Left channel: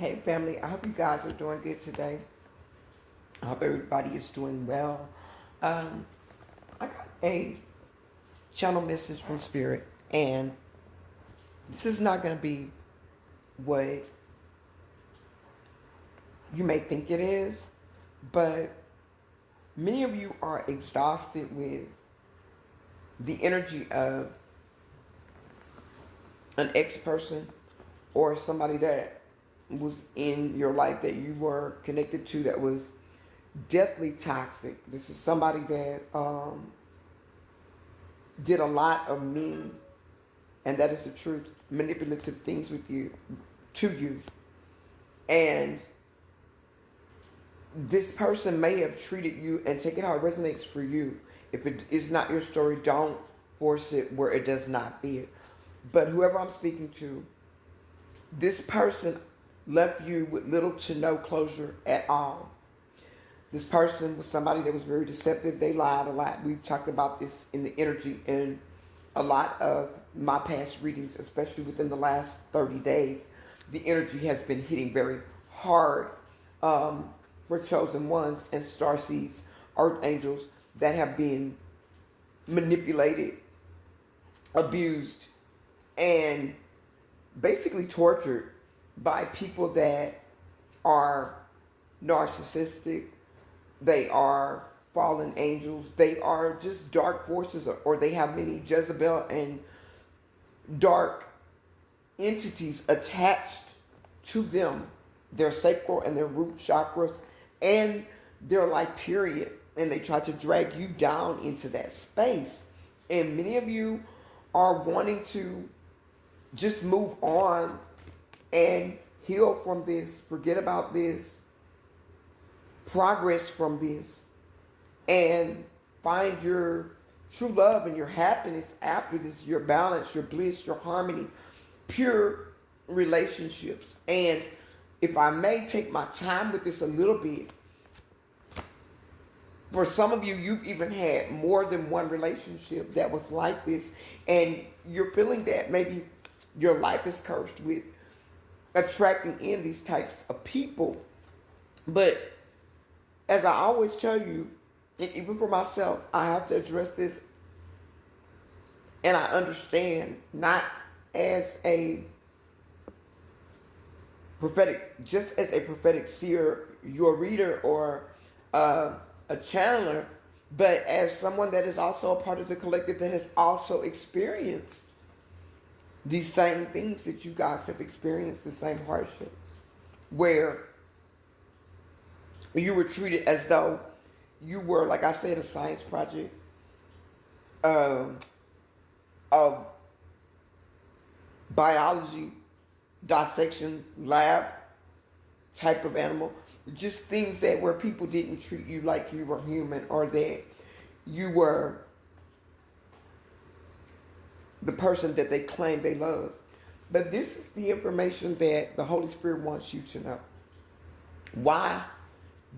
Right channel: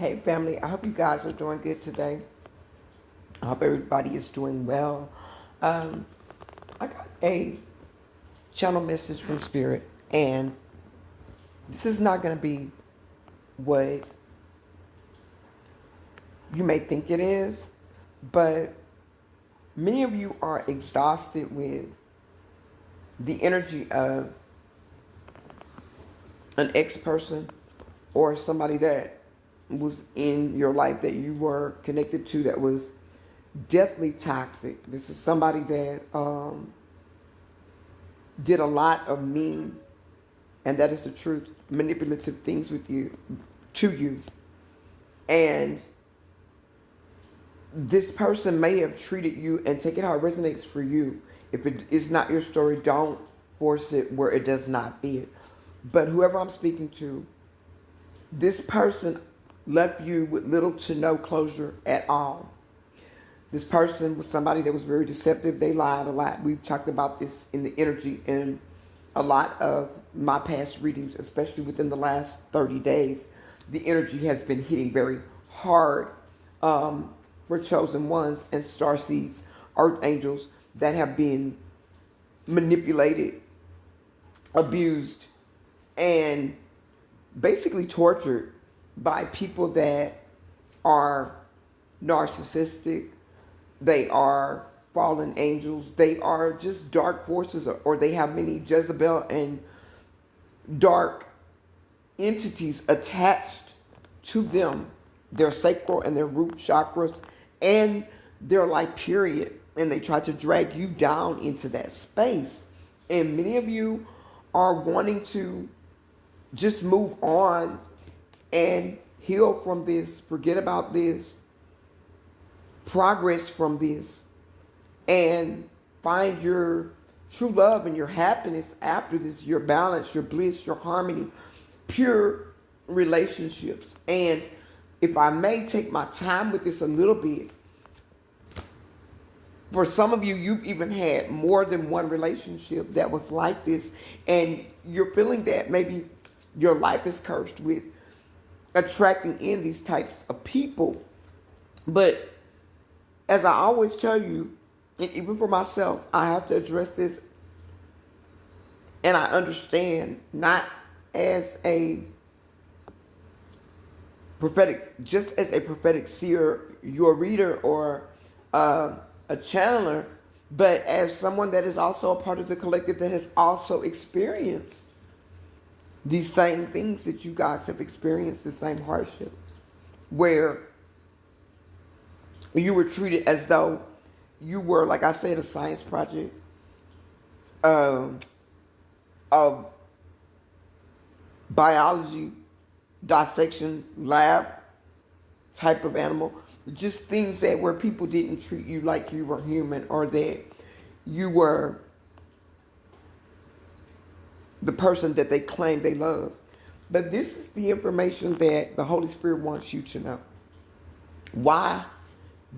Hey family, I hope you guys are doing good today. I hope everybody is doing well. I got a channel message from Spirit, and this is not going to be what you may think it is, but many of you are exhausted with the energy of an ex-person or somebody that was in your life that you were connected to that was definitely toxic. This is somebody that did a lot of mean, and that is the truth, manipulative things with you, to you. And this person may have treated you, and take it how it resonates for you. If it is not your story, don't force it where it does not fit. But whoever I'm speaking to, this person left you with little to no closure at all. This person was somebody that was very deceptive. They lied a lot. We've talked about this in the energy in a lot of my past readings, especially within the last 30 days. The energy has been hitting very hard for chosen ones and starseeds, archangels that have been manipulated, abused, and basically tortured by people that are narcissistic. They are fallen angels. They are just dark forces, or they have many Jezebel and dark entities attached to them, their sacral and their root chakras and their life period. And they try to drag you down into that space. And many of you are wanting to just move on and heal from this, forget about this, progress from this, and find your true love and your happiness after this, your balance, your bliss, your harmony, pure relationships. And if I may take my time with this a little bit, for some of you, you've even had more than one relationship that was like this, and you're feeling that maybe your life is cursed with attracting in these types of people. But as I always tell you, and even for myself, I have to address this. And I understand, not as a prophetic, just as a prophetic seer, your reader, or a channeler, but as someone that is also a part of the collective that has also experienced these same things that you guys have experienced, the same hardships, where you were treated as though you were, like I said, a science project, a biology dissection lab type of animal. Just things that where people didn't treat you like you were human, or that you were the person that they claim they love. But this is the information that the Holy Spirit wants you to know. Why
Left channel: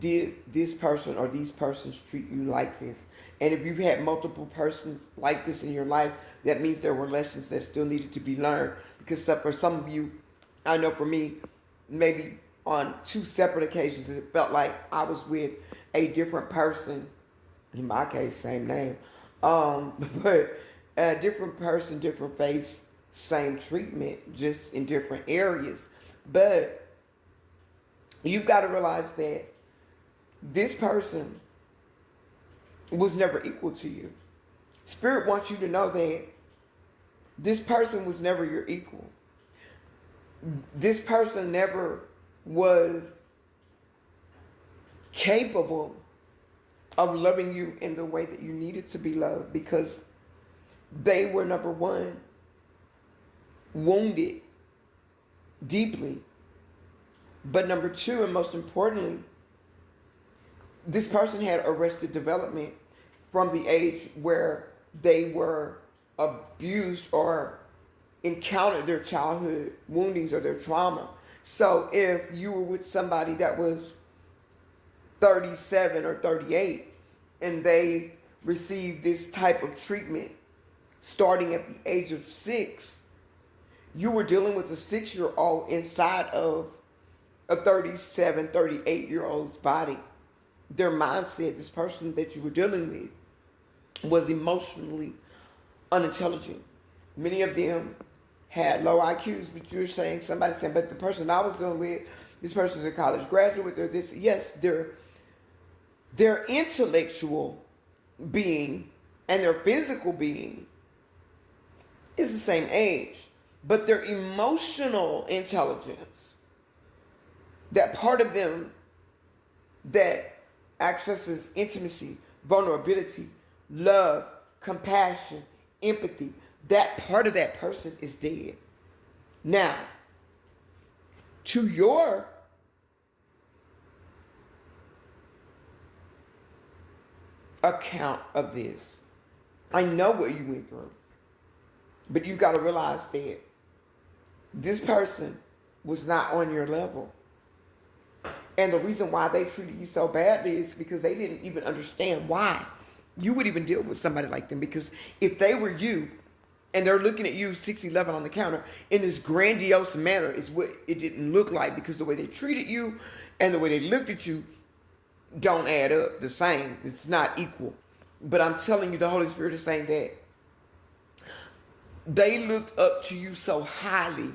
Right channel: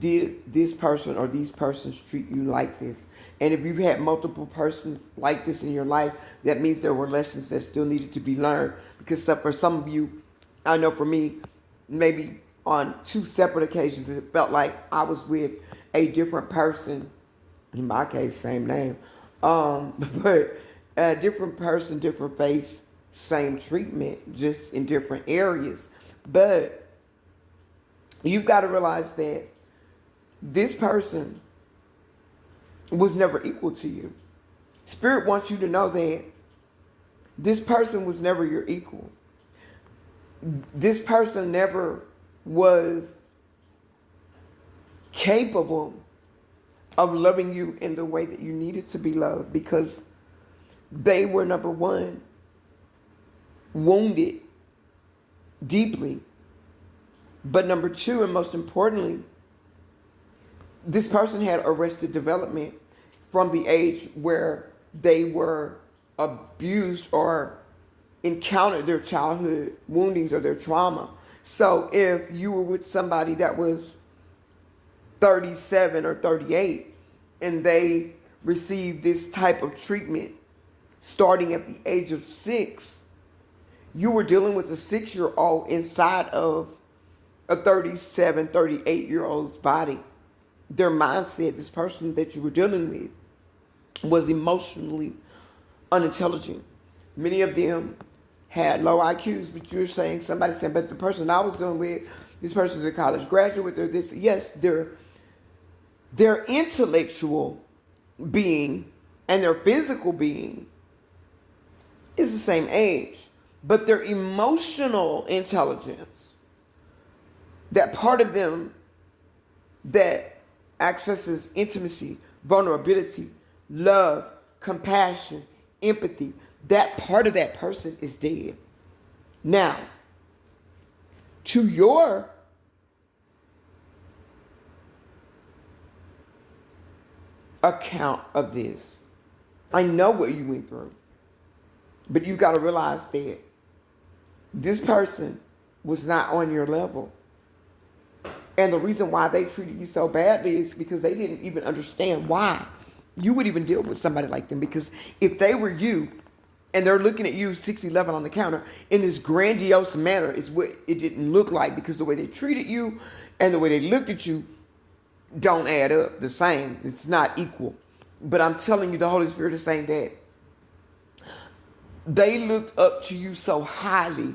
did this person or these persons treat you like this? And if you've had multiple persons like this in your life, that means there were lessons that still needed to be learned. Because for some of you, I know for me, maybe on 2 separate occasions, it felt like I was with a different person. In my case, same name. But a different person, different face, same treatment, just in different areas. But you've got to realize that this person was never equal to you. Spirit wants you to know that this person was never your equal. This person never was capable of loving you in the way that you needed to be loved, because they were, number one, wounded deeply. But number two, and most importantly, this person had arrested development from the age where they were abused or encountered their childhood woundings or their trauma. So if you were with somebody that was 37 or 38 and they received this type of treatment starting at the age of 6, you were dealing with a 6-year-old inside of a 37, 38-year-old's body. Their mindset, this person that you were dealing with, was emotionally unintelligent. Many of them had low IQs, but you're saying, somebody saying, but the person I was dealing with, this person's a college graduate, they're this. Yes, their intellectual being and their physical being is the same age, but their emotional intelligence, that part of them that accesses intimacy, vulnerability, love, compassion, empathy, that part of that person is dead. Now, to your account of this, I know what you went through, but you got to realize that this person was not on your level. And the reason why they treated you so badly is because they didn't even understand why you would even deal with somebody like them. Because if they were you and they're looking at you 6'11" on the counter in this grandiose manner, is what it didn't look like, because the way they treated you and the way they looked at you don't add up the same. It's not equal. But I'm telling you, the Holy Spirit is saying that they looked up to you so highly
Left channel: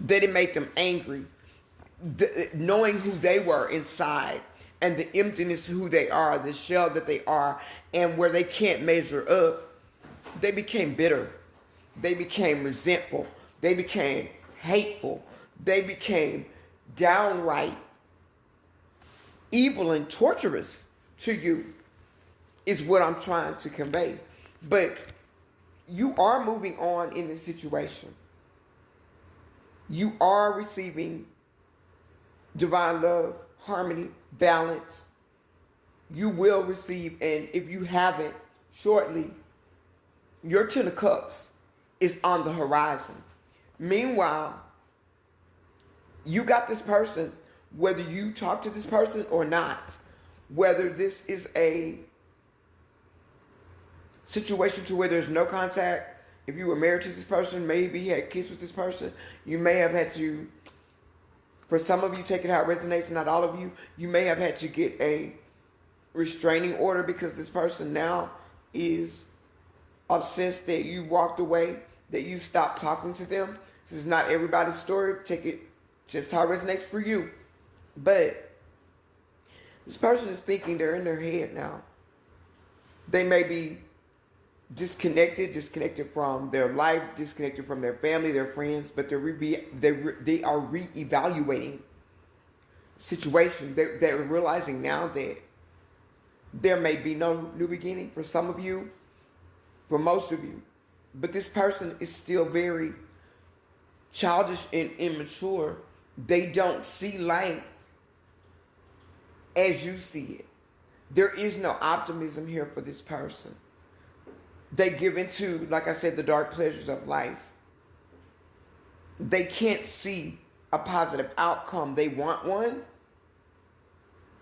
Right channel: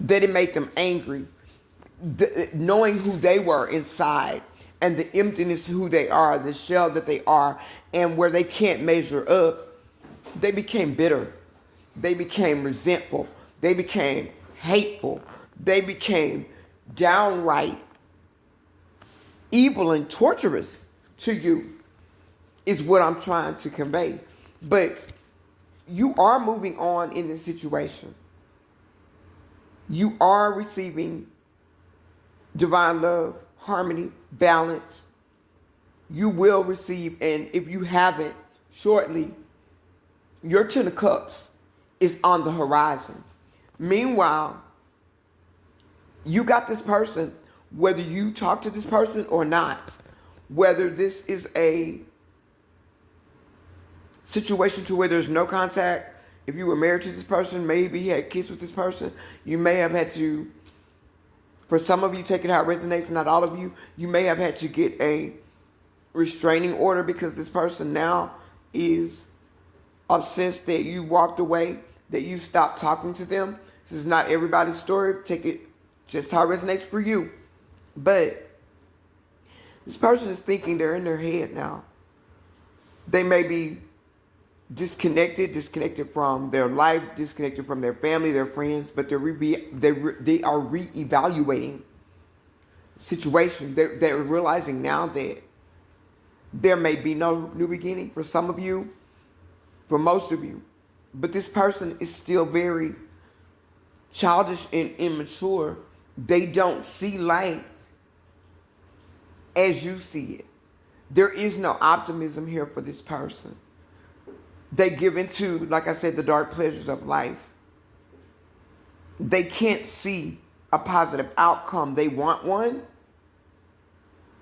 that it made them angry. Knowing who they were inside and the emptiness of who they are, the shell that they are, and where they can't measure up, they became bitter. They became resentful. They became hateful. They became downright evil and torturous to you, is what I'm trying to convey. But you are moving on in this situation. You are receiving divine love, harmony, balance. You will receive, and if you haven't, shortly, your 10 of Cups is on the horizon. Meanwhile, you got this person, whether you talk to this person or not, whether this is a situation to where there's no contact. If you were married to this person, maybe you had kids with this person, you may have had to, for some of you, take it how it resonates, not all of you, you may have had to get a restraining order because this person now is obsessed that you walked away, that you stopped talking to them. This is not everybody's story. Take it just how it resonates for you. But this person is thinking, they're in their head now. They may be disconnected from their life, disconnected from their family, their friends, but they are reevaluating the situation. They're realizing now that there may be no new beginning for some of you, for most of you, but this person is still very childish and immature. They don't see life as you see it. There is no optimism here for this person. They give into, like I said, the dark pleasures of life. They can't see a positive outcome. They want one,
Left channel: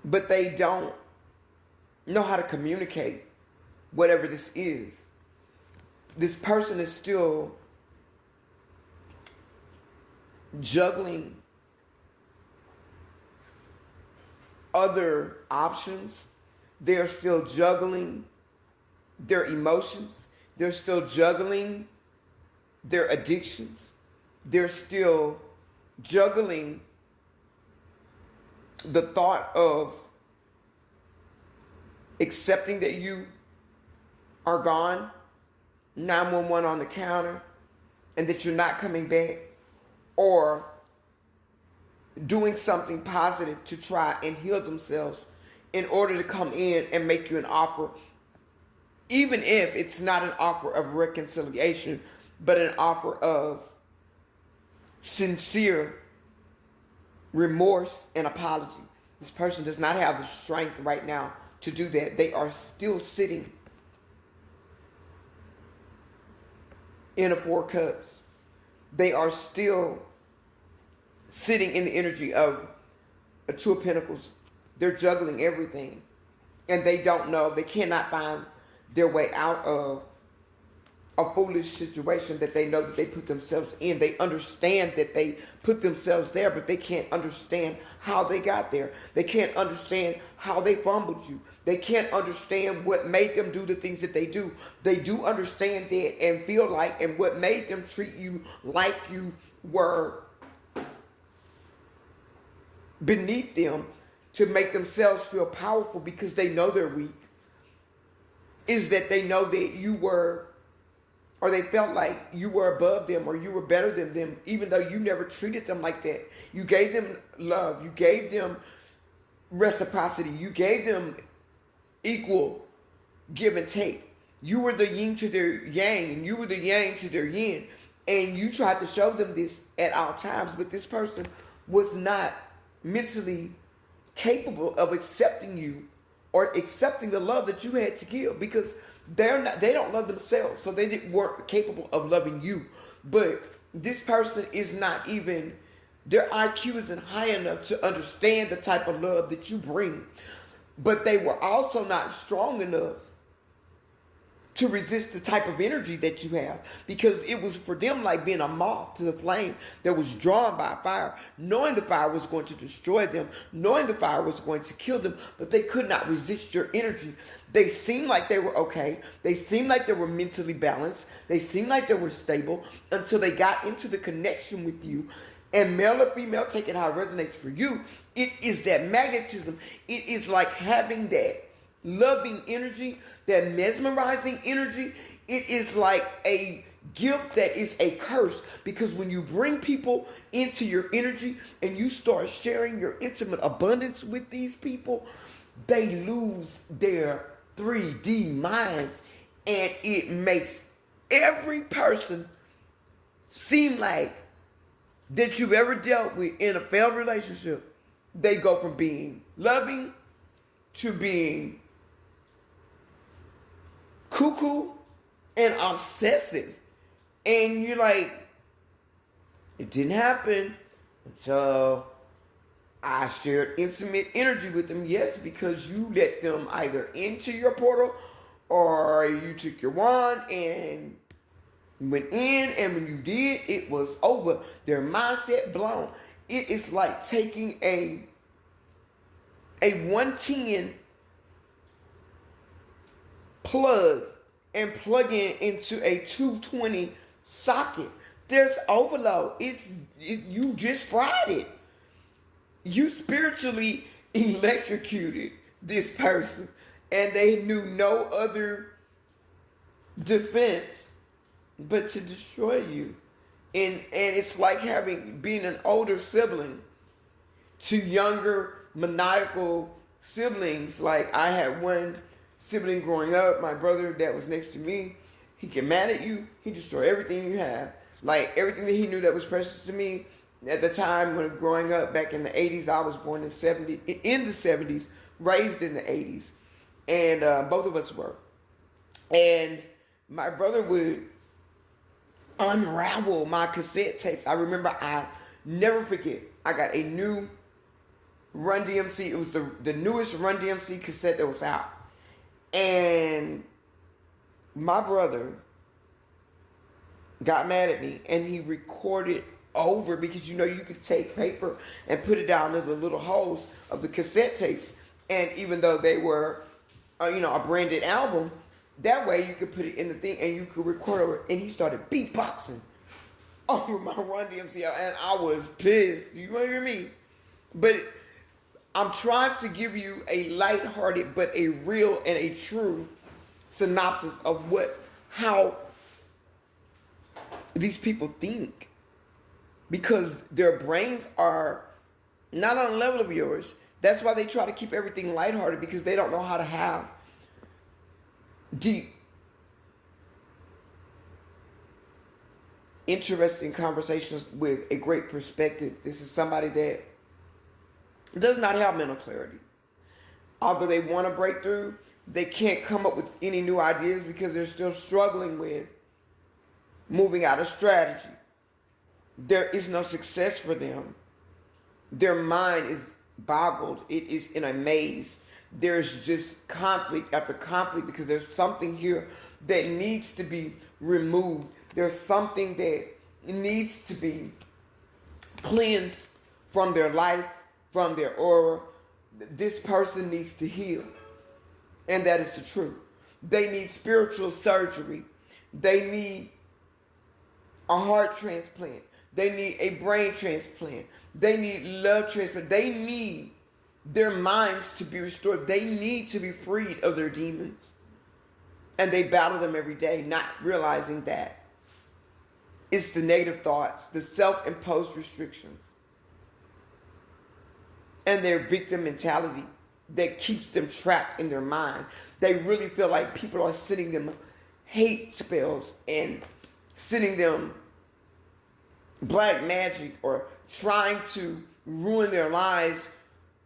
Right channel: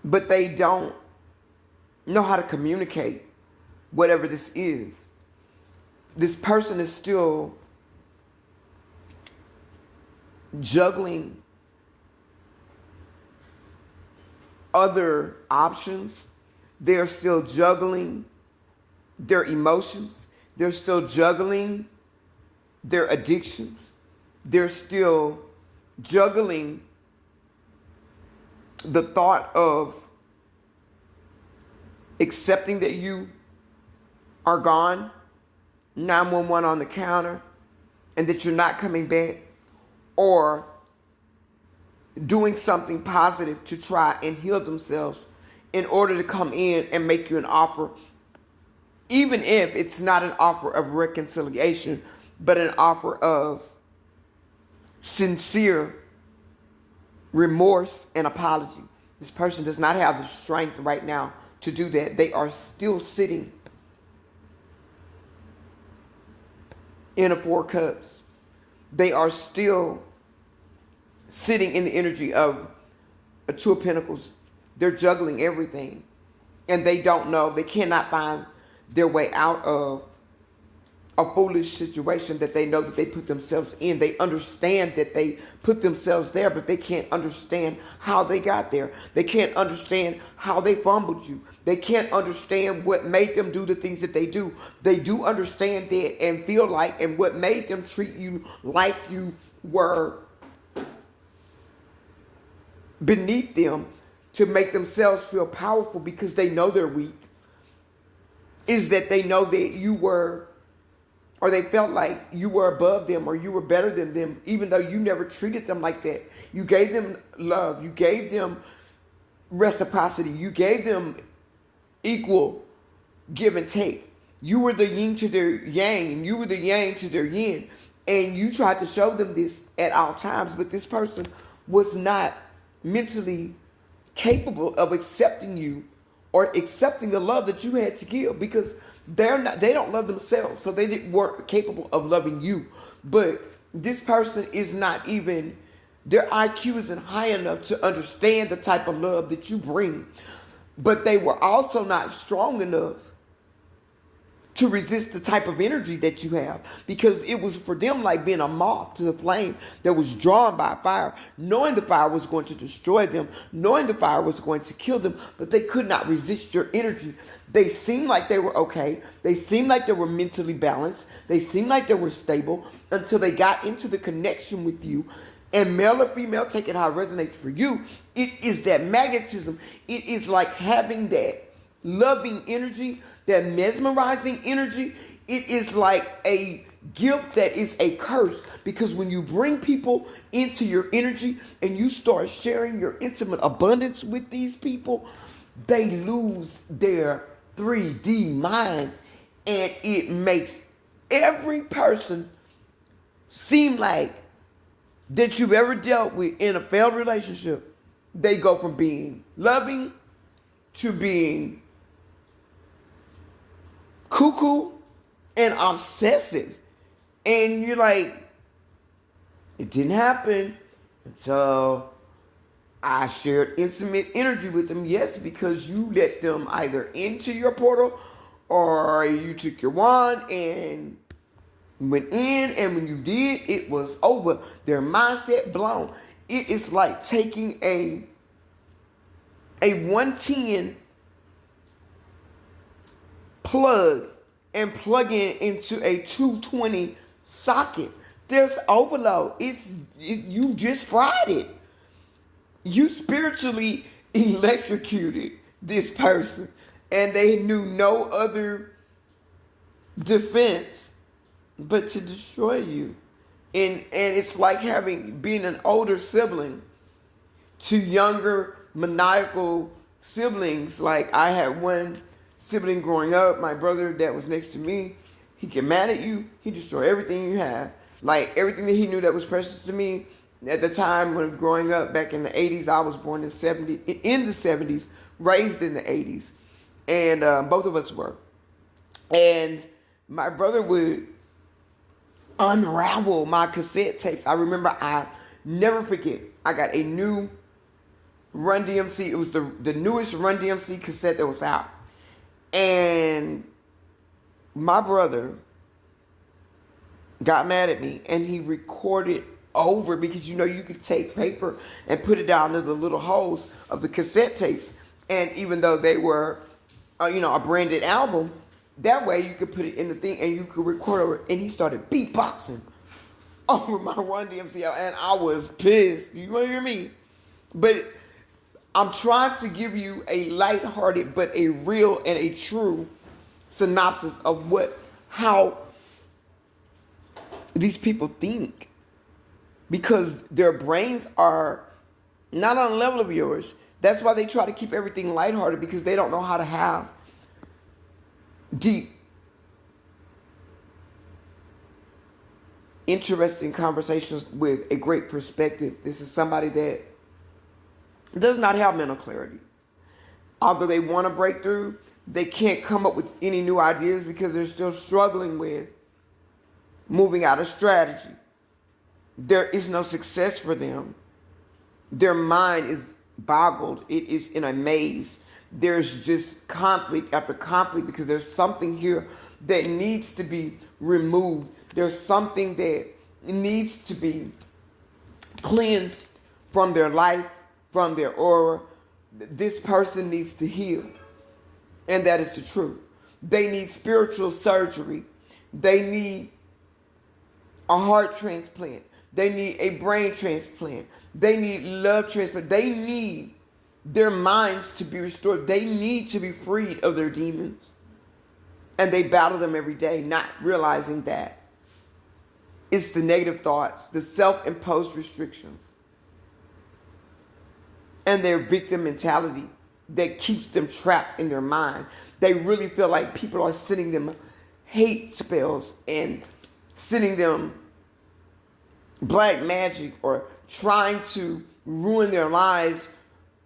but they don't know how to communicate whatever this is. This person is still juggling other options. They're still juggling their emotions. They're still juggling their addictions. They're still juggling the thought of accepting that you are gone, 911 on the counter, and that you're not coming back, or doing something positive to try and heal themselves in order to come in and make you an offer, even if it's not an offer of reconciliation, but an offer of sincere remorse and apology. This person does not have the strength right now to do that. They are still sitting in a 4 cups. They are still sitting in the energy of a 2 of Pentacles. They're juggling everything, and they don't know. They cannot find their way out of a foolish situation that they know that they put themselves in. They understand that they put themselves there, but they can't understand how they got there. They can't understand how they fumbled you. They can't understand what made them do the things that they do. They do understand that and feel like, and what made them treat you like you were beneath them to make themselves feel powerful because they know they're weak, is that they know that you were, or they felt like you were above them or you were better than them, even though you never treated them like that. You gave them love. You gave them reciprocity. You gave them equal give and take. You were the yin to their yang, and you were the yang to their yin. And you tried to show them this at all times, but this person was not mentally capable of accepting you or accepting the love that you had to give, because they don't love themselves, so weren't capable of loving you. But this person is not even, their IQ isn't high enough to understand the type of love that you bring. But they were also not strong enough to resist the type of energy that you have, because it was for them like being a moth to the flame that was drawn by fire, knowing the fire was going to destroy them, knowing the fire was going to kill them, but they could not resist your energy. They seemed like they were okay. They seemed like they were mentally balanced. They seemed like they were stable until they got into the connection with you. And male or female, take it how it resonates for you. It is that magnetism. It is like having that loving energy, that mesmerizing energy. It is like a gift that is a curse, because when you bring people into your energy and you start sharing your intimate abundance with these people, they lose their 3D minds, and it makes every person seem like that you've ever dealt with in a failed relationship. They go from being loving to being cuckoo and obsessive. And you're like, it didn't happen until I shared intimate energy with them. Yes, because you let them either into your portal, or you took your wand and went in, and when you did, it was over. Their mindset blown. It is like taking a 110 plug and plugging into a 220 socket. There's overload. You just fried it. You spiritually electrocuted this person, and they knew no other defense but to destroy you. And it's like being an older sibling to younger maniacal siblings. Like, I had one sibling growing up, my brother that was next to me. He get mad at you, he destroy everything you have. Like, everything that he knew that was precious to me. At the time when growing up back in the 80s, I was born in the 70s, raised in the 80s. And both of us were. And my brother would unravel my cassette tapes. I remember, I never forget, I got a new Run DMC. It was the newest Run DMC cassette that was out. And my brother got mad at me, and he recorded over, because you could take paper and put it down in the little holes of the cassette tapes. And even though they were, a branded album, that way you could put it in the thing and you could record over it. And he started beatboxing over my Run DMC, and I was pissed. You want to hear me? But I'm trying to give you a lighthearted but a real and a true synopsis of how these people think, because their brains are not on the level of yours. That's why they try to keep everything lighthearted, because they don't know how to have deep, interesting conversations with a great perspective. This is somebody that does not have mental clarity. Although they want to break through, they can't come up with any new ideas because they're still struggling with moving out of strategy. There is no success for them. Their mind is boggled. It is in a maze. There's just conflict after conflict, because there's something here that needs to be removed. There's something that needs to be cleansed from their life, from their aura. This person needs to heal. And that is the truth. They need spiritual surgery. They need a heart transplant. They need a brain transplant. They need love transplant. They need their minds to be restored. They need to be freed of their demons. And they battle them every day, not realizing that it's the negative thoughts, the self-imposed restrictions, and their victim mentality that keeps them trapped in their mind. They really feel like people are sending them hate spells and sending them black magic or trying to ruin their lives.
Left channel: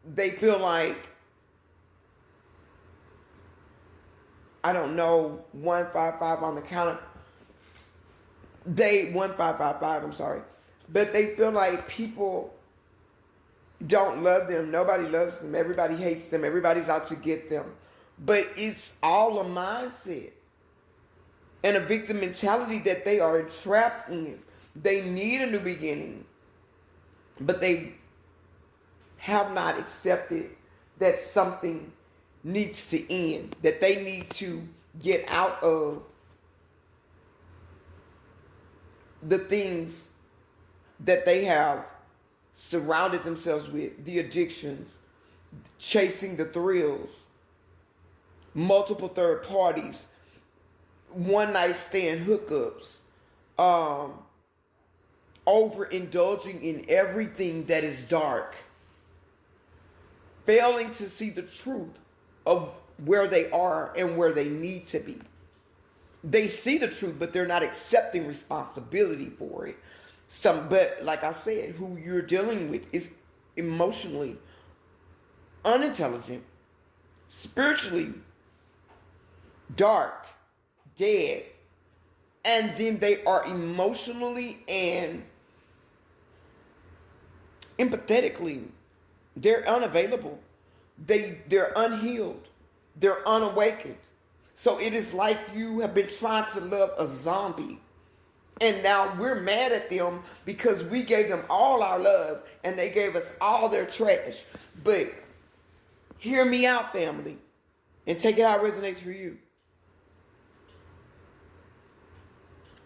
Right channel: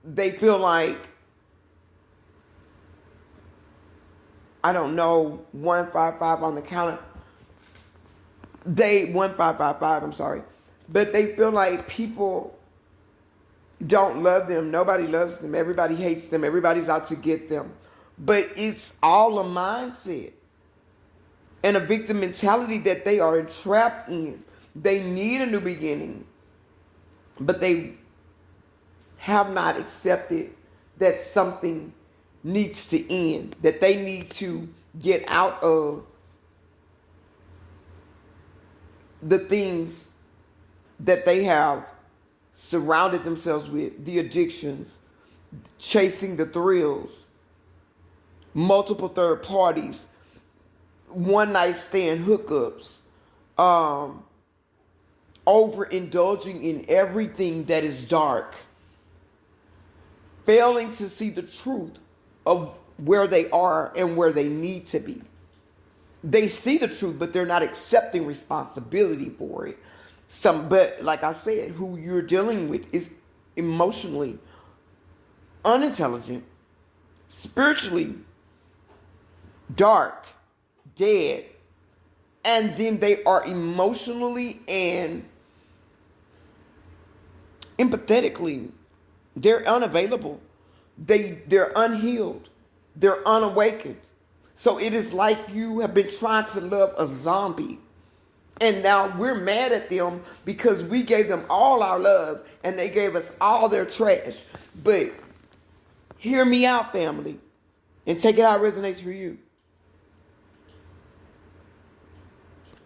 They feel like, I don't know, 155 on the counter. 1555, I'm sorry. But they feel like people don't love them. Nobody loves them. Everybody hates them. Everybody's out to get them. But it's all a mindset and a victim mentality that they are entrapped in. They need a new beginning, but they have not accepted that something needs to end, that they need to get out of the things that they have surrounded themselves with, the addictions, chasing the thrills, multiple third parties, one night stand hookups, overindulging in everything that is dark, failing to see the truth of where they are and where they need to be. They see the truth, but they're not accepting responsibility for it. But like I said, who you're dealing with is emotionally unintelligent, spiritually dark, dead, and then they are emotionally and empathetically, they're unavailable. They're unhealed. They're unawakened. So it is like you have been trying to love a zombie. And now we're mad at them because we gave them all our love and they gave us all their trash. But hear me out, family, and take it how it resonates for you.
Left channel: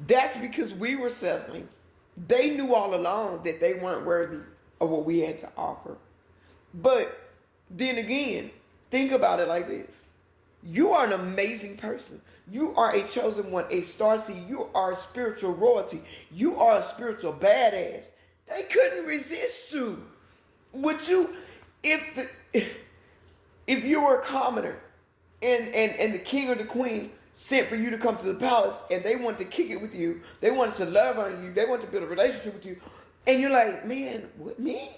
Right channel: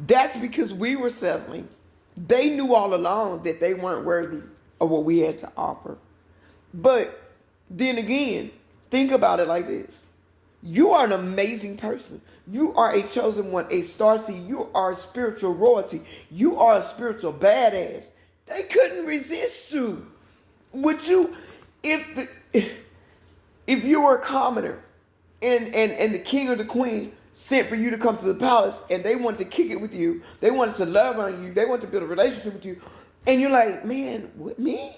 That's because we were settling. They knew all along that they weren't worthy of what we had to offer. But then again, think about it like this. You are an amazing person. You are a chosen one, a starseed. You are spiritual royalty. You are a spiritual badass. They couldn't resist you. Would you, if you were a commoner and the king or the queen sent for you to come to the palace and they wanted to kick it with you, they wanted to love on you, they wanted to build a relationship with you, and you're like, man, what, me?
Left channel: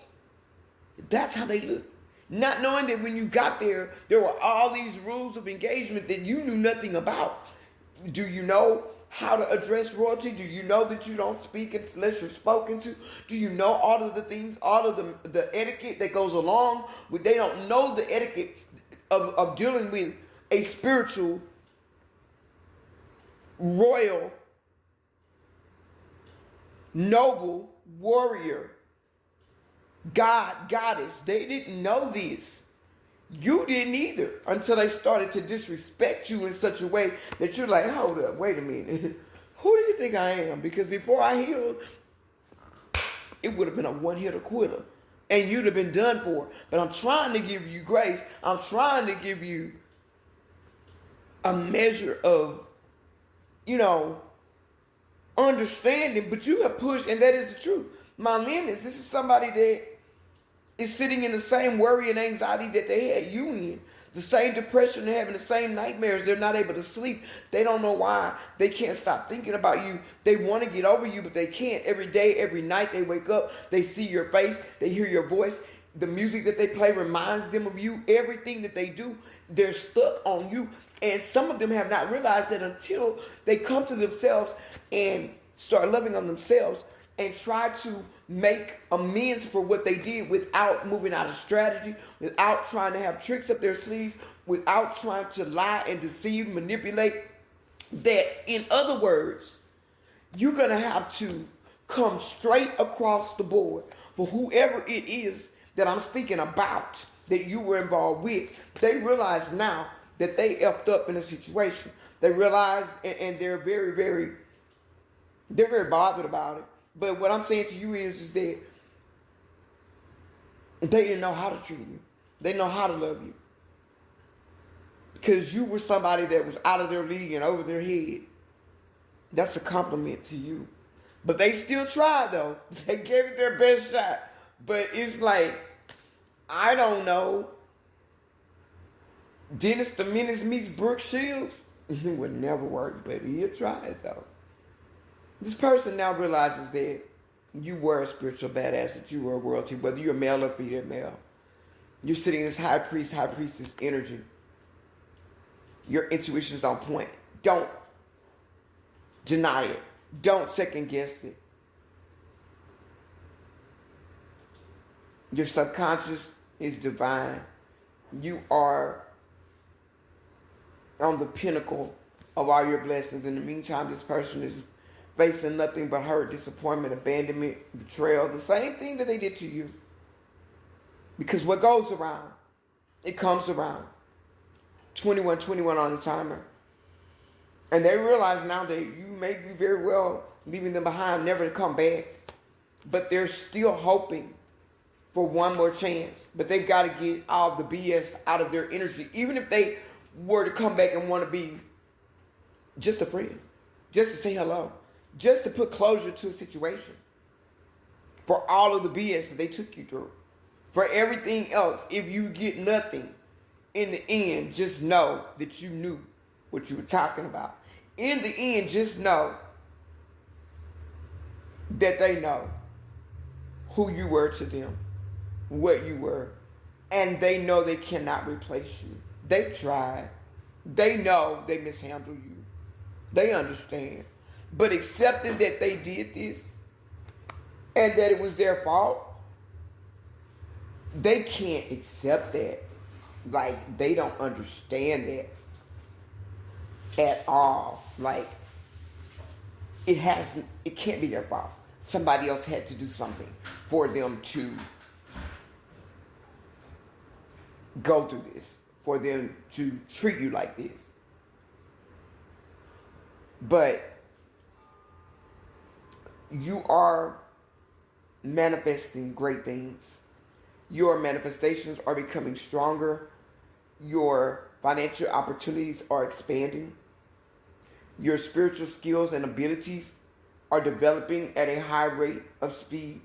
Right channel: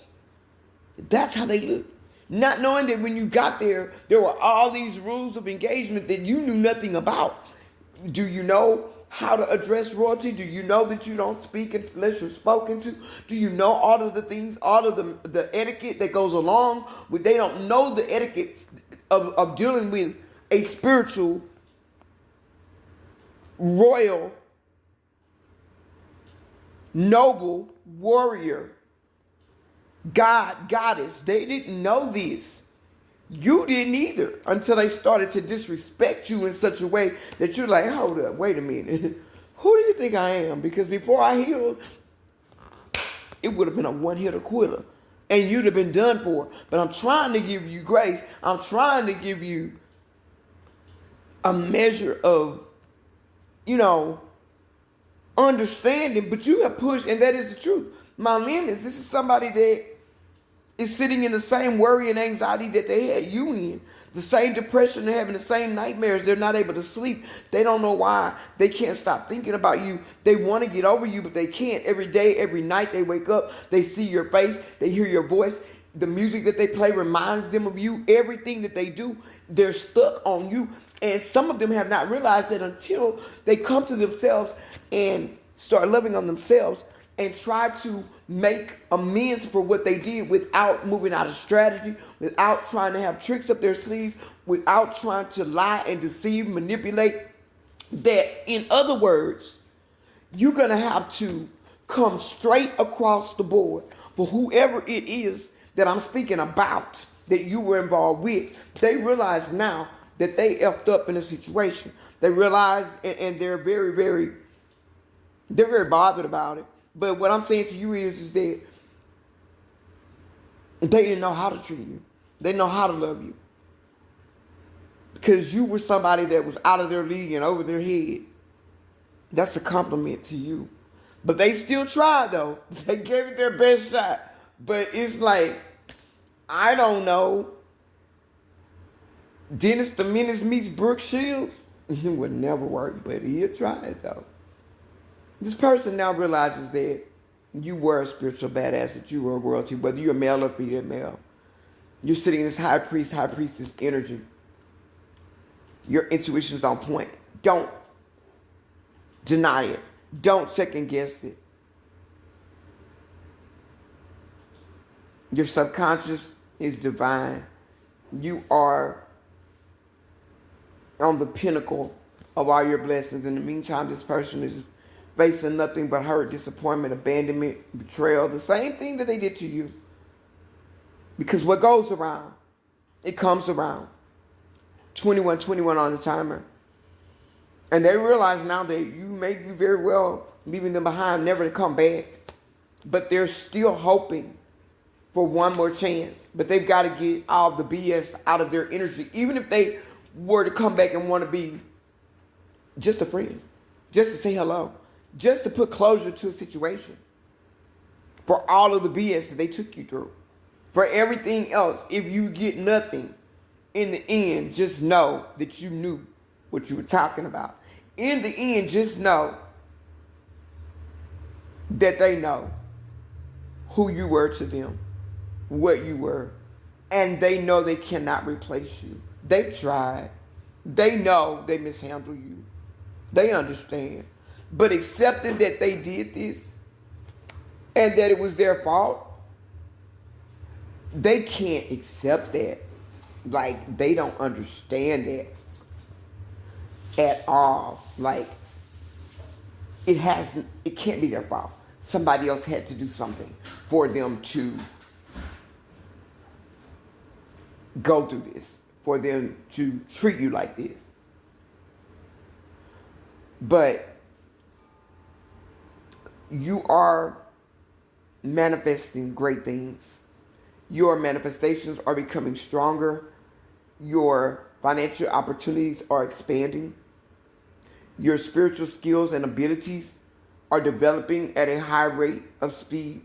That's how they look. Not knowing that when you got there were all these rules of engagement that you knew nothing about. Do you know how to address royalty? Do you know that you don't speak unless you're spoken to? Do you know all of the things, all of the etiquette that goes along with? They don't know the etiquette of dealing with a spiritual, royal, noble warrior, God, goddess. They didn't know this. You didn't either until they started to disrespect you in such a way that you're like, hold up, wait a minute. Who do you think I am? Because before I healed, it would have been a one-hitter quitter. And you'd have been done for. But I'm trying to give you grace. I'm trying to give you a measure of, understanding. But you have pushed, and that is the truth. My limits, this is somebody that is sitting in the same worry and anxiety that they had you in. The same depression, they're having the same nightmares. They're not able to sleep. They don't know why. They can't stop thinking about you. They want to get over you, but they can't. Every day, every night they wake up, they see your face, they hear your voice. The music that they play reminds them of you. Everything that they do, they're stuck on you. And some of them have not realized that until they come to themselves and start loving on themselves and try to make amends for what they did without moving out of strategy, without trying to have tricks up their sleeves, without trying to lie and deceive, manipulate, that, in other words, you're going to have to come straight across the board for whoever it is that I'm speaking about that you were involved with. They realize now that they effed up in a situation. They realize, and they're very bothered about it. But what I'm saying to you is that they didn't know how to treat you. They didn't know how to love you. Because you were somebody that was out of their league and over their head. That's a compliment to you. But they still tried, though. They gave it their best shot. But it's like, I don't know. Dennis the Menace meets Brooke Shields. It would never work, but he'll try it, though. This person now realizes that you were a spiritual badass, that you were a royalty, whether you're male or female. You're sitting in this high priestess energy. Your intuition's on point. Don't deny it. Don't second guess it. Your subconscious is divine. You are on the pinnacle of all your blessings. In the meantime, this person is facing nothing but hurt, disappointment, abandonment, betrayal. The same thing that they did to you. Because what goes around, it comes around. 21 on the timer. And they realize now that you may be very well leaving them behind, never to come back. But they're still hoping for one more chance. But they've got to get all the BS out of their energy. Even if they were to come back and want to be just a friend. Just to say hello. Just to put closure to a situation. For all of the BS that they took you through. For everything else, if you get nothing, in the end, just know that you knew what you were talking about. In the end, just know that they know who you were to them, what you were, and they know they cannot replace you. They've tried. They know they mishandled you. They understand. But accepting that they did this and that it was their fault, they can't accept that. Like, they don't understand that at all. Like, it can't be their fault. Somebody else had to do something for them to go through this, for them to treat you like this. But you are manifesting great things. Your manifestations are becoming stronger. Your financial opportunities are expanding. Your spiritual skills and abilities are developing at a high rate of speed.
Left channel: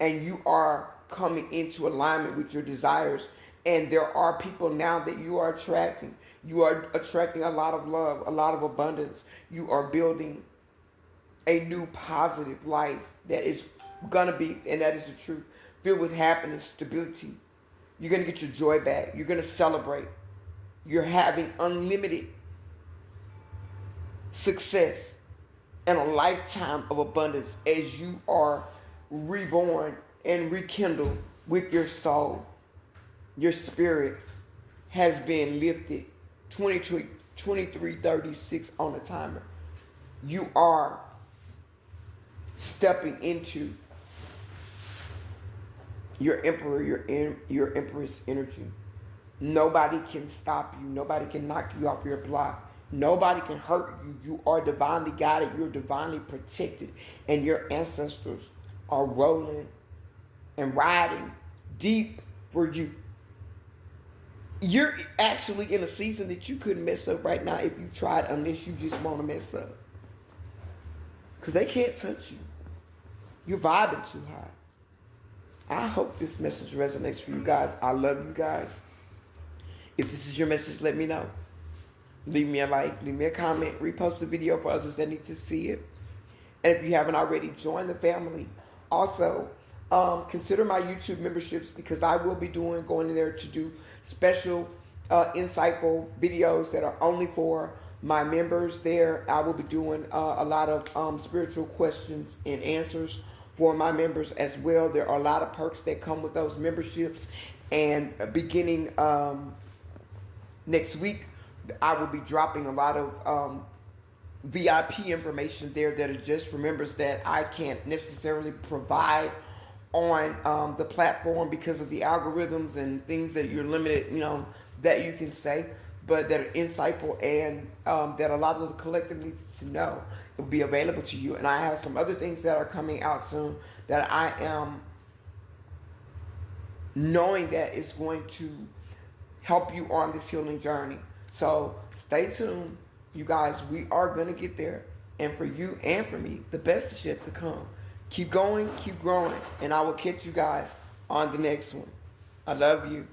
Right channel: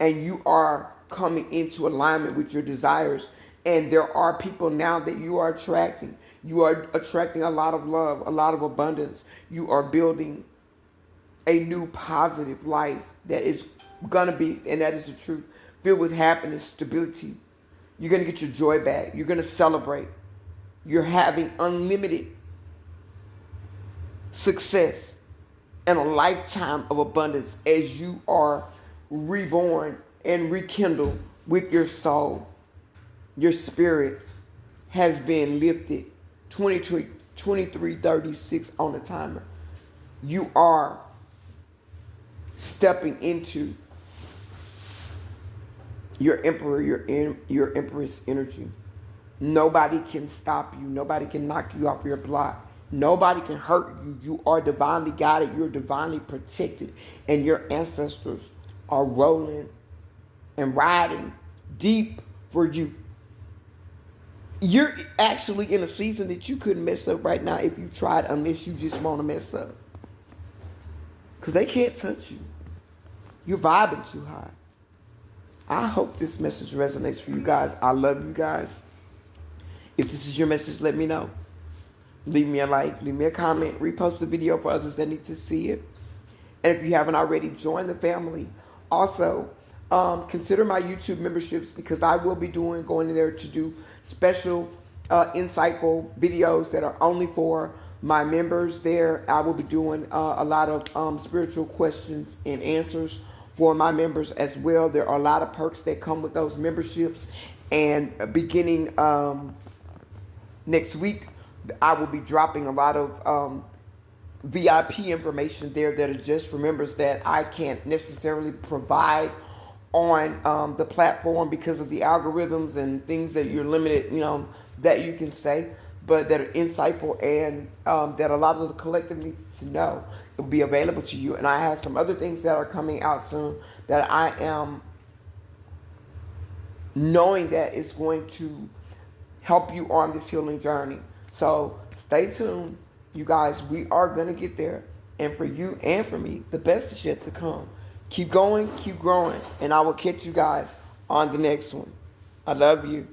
And you are coming into alignment with your desires. And there are people now that you are attracting. You are attracting a lot of love, a lot of abundance. You are building a new positive life that is going to be, and that is the truth, filled with happiness, stability. You're going to get your joy back. You're going to celebrate. You're having unlimited success and a lifetime of abundance as you are reborn and rekindled with your soul. Your spirit has been lifted. 23:36 on the timer. You are stepping into your emperor, your empress energy. Nobody can stop you. Nobody can knock you off your block. Nobody can hurt you. You are divinely guided. You're divinely protected. And your ancestors are rolling and riding deep for you. You're actually in a season that you couldn't mess up right now if you tried, unless you just want to mess up. Because they can't touch you. You're vibing too high. I hope this message resonates for you guys. I love you guys. If this is your message, let me know. Leave me a like, leave me a comment, repost the video for others that need to see it. And if you haven't already, join the family. Also, consider my YouTube memberships, because I will be going in there to do special, insightful videos that are only for my members there. I will be doing a lot of spiritual questions and answers for my members as well. There are a lot of perks that come with those memberships. And beginning next week, I will be dropping a lot of VIP information there that it just remembers that I can't necessarily provide on the platform because of the algorithms and things that you're limited, that you can say, but that are insightful and that a lot of the collective needs to know. It will be available to you. And I have some other things that are coming out soon that I am knowing that it's going to help you on this healing journey. So stay tuned, you guys. We are going to get there. And for you and for me, the best is yet to come. Keep going, keep growing, and I will catch you guys on the next one. I love you.